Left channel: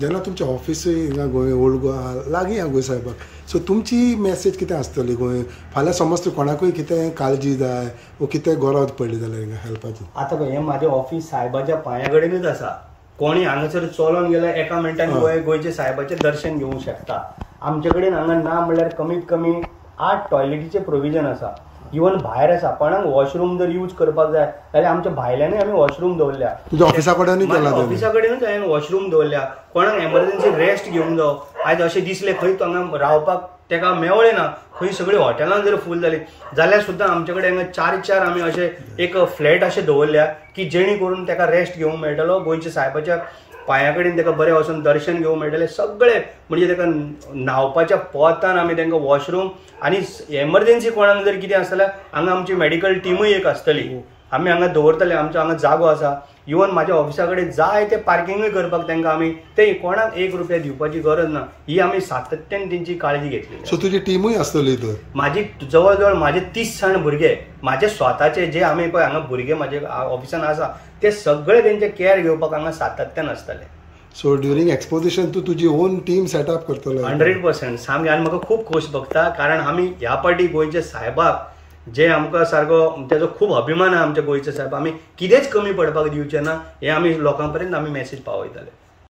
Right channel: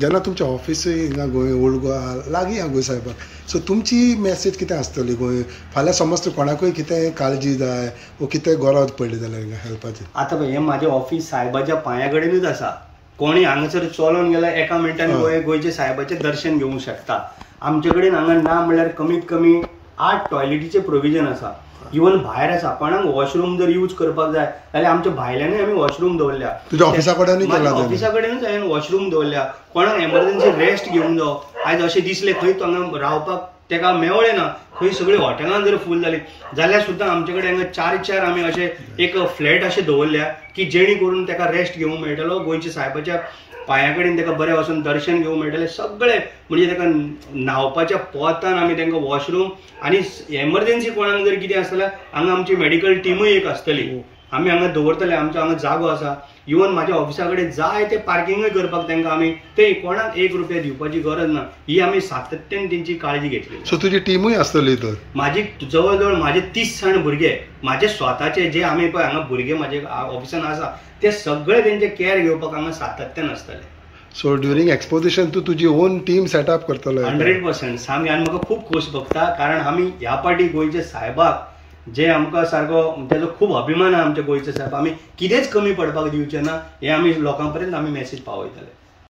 जेन्ना तुमचें ऑफिसूय हिंगा गोंय ओल्ड गोवा लागीं आहा गोंय सायबाक, सो तुमची मेसेज कितें आसतली गोंय फाल्यां समज तूं कोणाकूय कितें काळजी जाय वो कितें गरज पडली जाल्यार हिंगा हेल्पाची? आतां हें म्हाजें ऑफिस सायबाच्या पांया कडेनूच आसा. कोणी हांगासर चलोन गेल्यार एका मिनटान गोंयचे सायबाचें दर्शन घेवंक शकता. आमचे कडेन हांगा ना म्हणल्यार कमीत कमी 8 टॉयलेटीचे प्रोविजन आसा. इवन भायर आसा. कोणाक वॉशरूम जर यूज करपाक जाय जाल्यार आमच्या भायल्यानूय आमी वॉशरूम दवरल्या. तुज्या ऑफिसा कडेनूय केला? ऑफिसा कडेनूच हांवें वॉशरूम दवरल्या. कोणाक एमर्जन्सी रेस्ट घेवंक जावो, आयज अशें दिसलें खंय हांगा रावपाक तेका मेवळें ना, खंय सगळीं हॉटेलां जर फूल जालीं जाल्यार सुद्दां आमचे कडेन हांगा 4 आमी अशे एक फ्लॅट अशे दवरल्या की जेणे करून तेका रेस्ट घेवंक मेळटलो. गोंयच्या सायबाच्या पांया कडेन तेका बरें वचून दर्शन घेवंक मेळटलें. सगळें म्हणजे तेका न्हावपाच्या पोतान आमी तेंकां वॉशरूम आनी एमर्जन्सी कोणाक जर कितें आसल्यार हांगा आमची मेडिकल टीमूय एक आसतली. आमी हांगा दवरतले. आमचो हांगा जागो आसा. इवन म्हाज्या ऑफिसा कडेन जाय ते पार्किंगूय करपाक तेंकां आमी ते कोणाक 1 रुपया दिवपाची गरज ना. ही आमी सातत्यान तेंची काळजी घेतली. सो तुजी टीमूय आसतली तर? म्हाजी जवळ जवळ म्हाजे 30 जाण भुरगे, म्हाजे स्वताचे जे आमी पळय हांगा भुरगे म्हाजे ऑफिसान आसा ते सगळे तेंचे केअर घेवपाक हांगा सातत्यान आसतले. सो ड्युरींग एक्सपोजिशन तूं तुजी ओन टीम सेटअप करतलो? 100% सामकें. आनी म्हाका खूब खोस भोगता कारण आमी ह्या पाटी गोंयच्या सायबाक जे आमकां सारको तेजो खूब अभिमान आहा आमच्या गोंयच्या सायब. आमी कितेंच कमी पडपाक दिवचे ना हें आमी लोकां पर्यंत आमी मॅसेज पावयतले.